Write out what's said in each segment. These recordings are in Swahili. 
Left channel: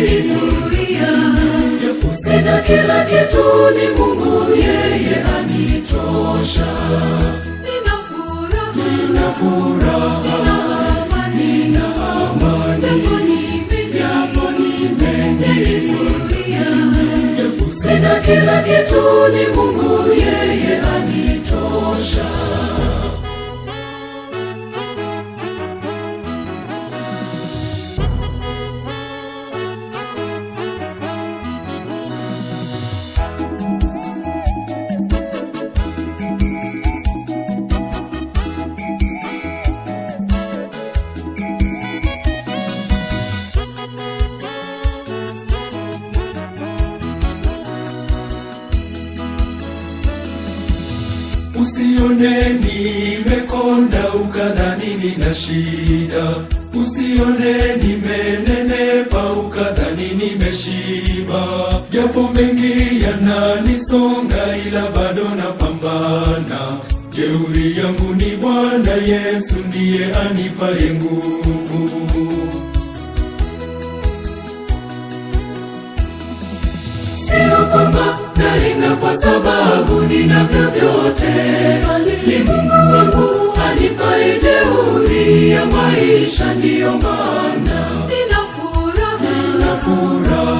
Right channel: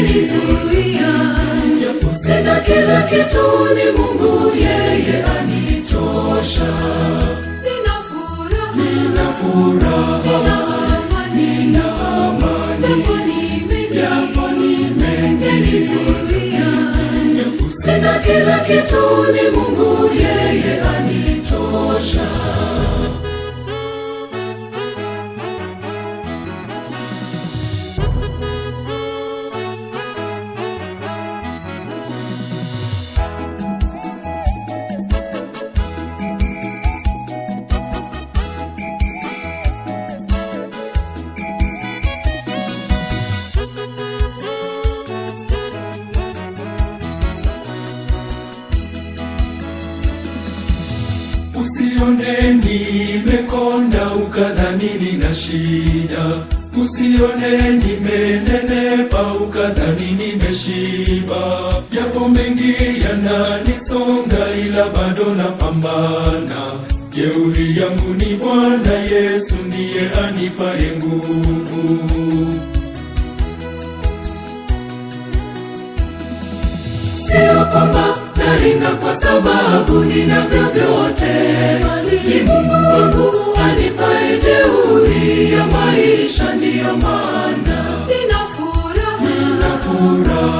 umenizuia. Japo sina kila kitu, ni Mungu yeye anitosha. Nina furaha, nina amani, japo nimenizuia. Japo sina kila kitu, ni Mungu yeye anitosha. Usione nimekonda ukadhani nina shida. Usione nimenenepa ukadhani nimeshiba. Japo mengi yananisonga ila bado napambana. Jeuri yangu ni Bwana Yesu ndiye anipaye nguvu. Sio kwamba naringa kwa sababu ninavyo vyote, ni Mungu wangu anipaye jeuri ya maisha. Ndiyo maana nina furaha,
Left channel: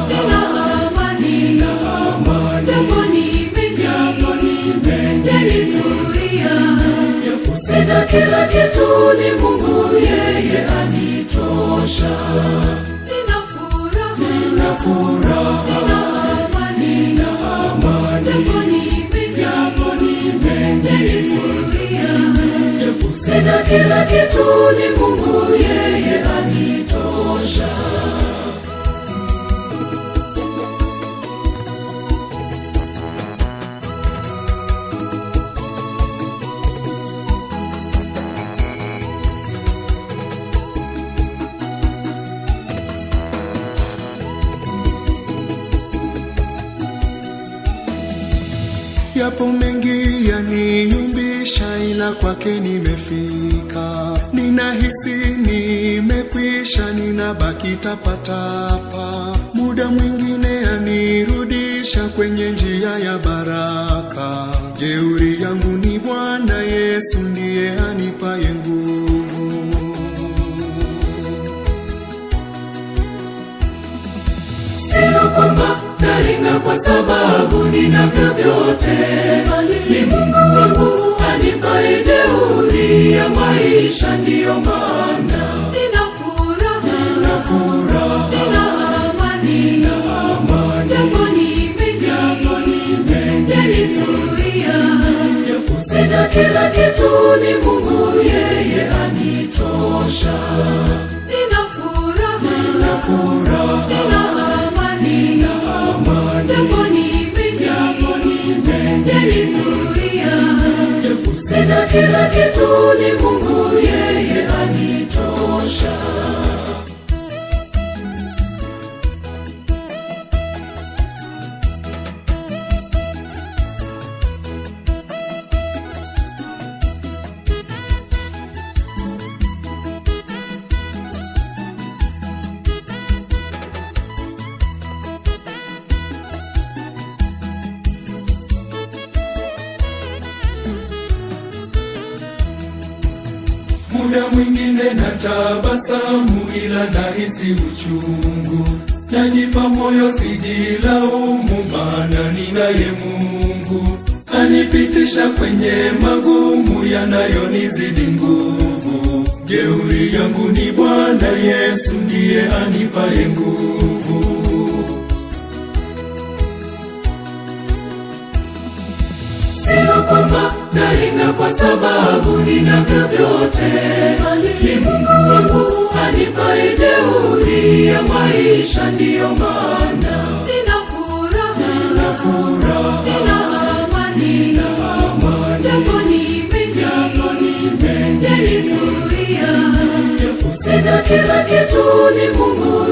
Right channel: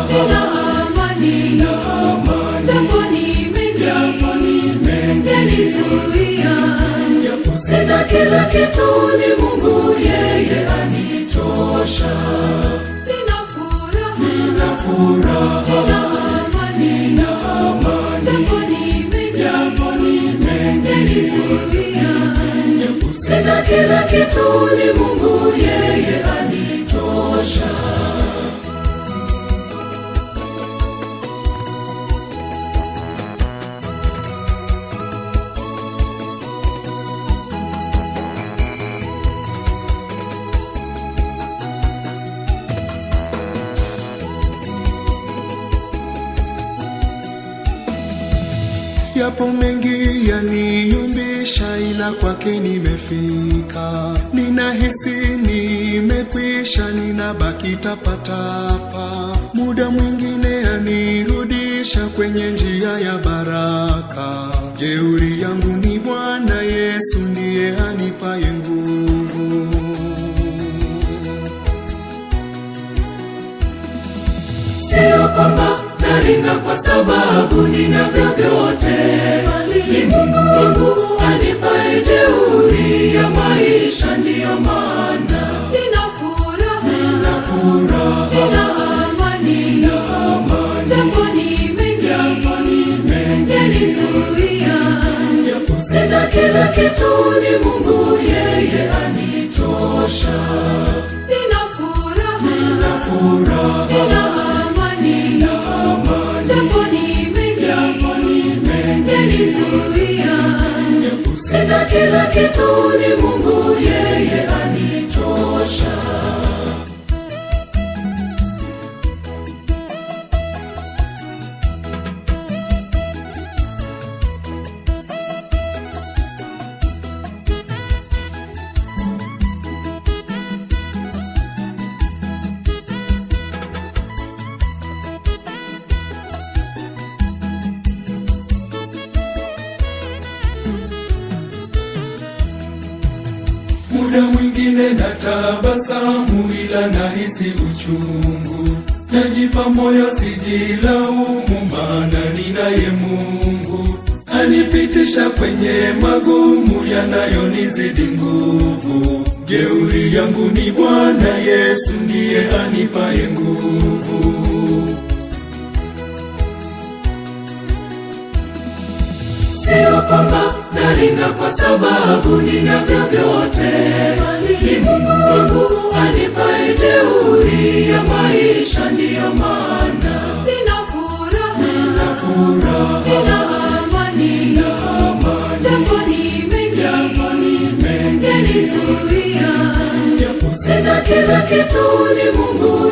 nina amani, japo nimenizuia. Japo sina kila kitu, ni Mungu yeye anitosha. Nina furaha, nina amani, japo nimenizuia. Japo sina kila kitu, ni Mungu yeye anitosha. Yapo mengi yaniyumbisha ila kwake nimefika. Ninahisi nimekwisha, ninabaki tapatapa. Muda mwingine anirudisha kwenye njia ya baraka. Jeuri yangu ni Bwana Yesu ndiye anipaye nguvu. Sio kwamba naringa kwa sababu ninavyo vyote, ni Mungu wangu anipaye jeuri ya maisha. Ndiyo maana nina furaha, nina amani, japo nimenizuia. Japo sina kila kitu, ni Mungu yeye anitosha. Nina furaha, nina amani, japo nimenizuia. Japo sina kila kitu, ni Mungu yeye anitosha. Muda mwingine natabasamu ila nahisi uchungu. Najipa moyo sijilaumu, maana ninaye Mungu. Anipitisha kwenye magumu yanayonizidi nguvu. Jeuri yangu ni Bwana Yesu ndiye anipaye nguvu. Sio kwamba naringa kwa sababu ninavyo vyote, ni Mungu wangu anipaye jeuri ya maisha. Ndiyo maana nina furaha, nina amani, japo nimenizuia. Japo sina kila kitu, ni Mungu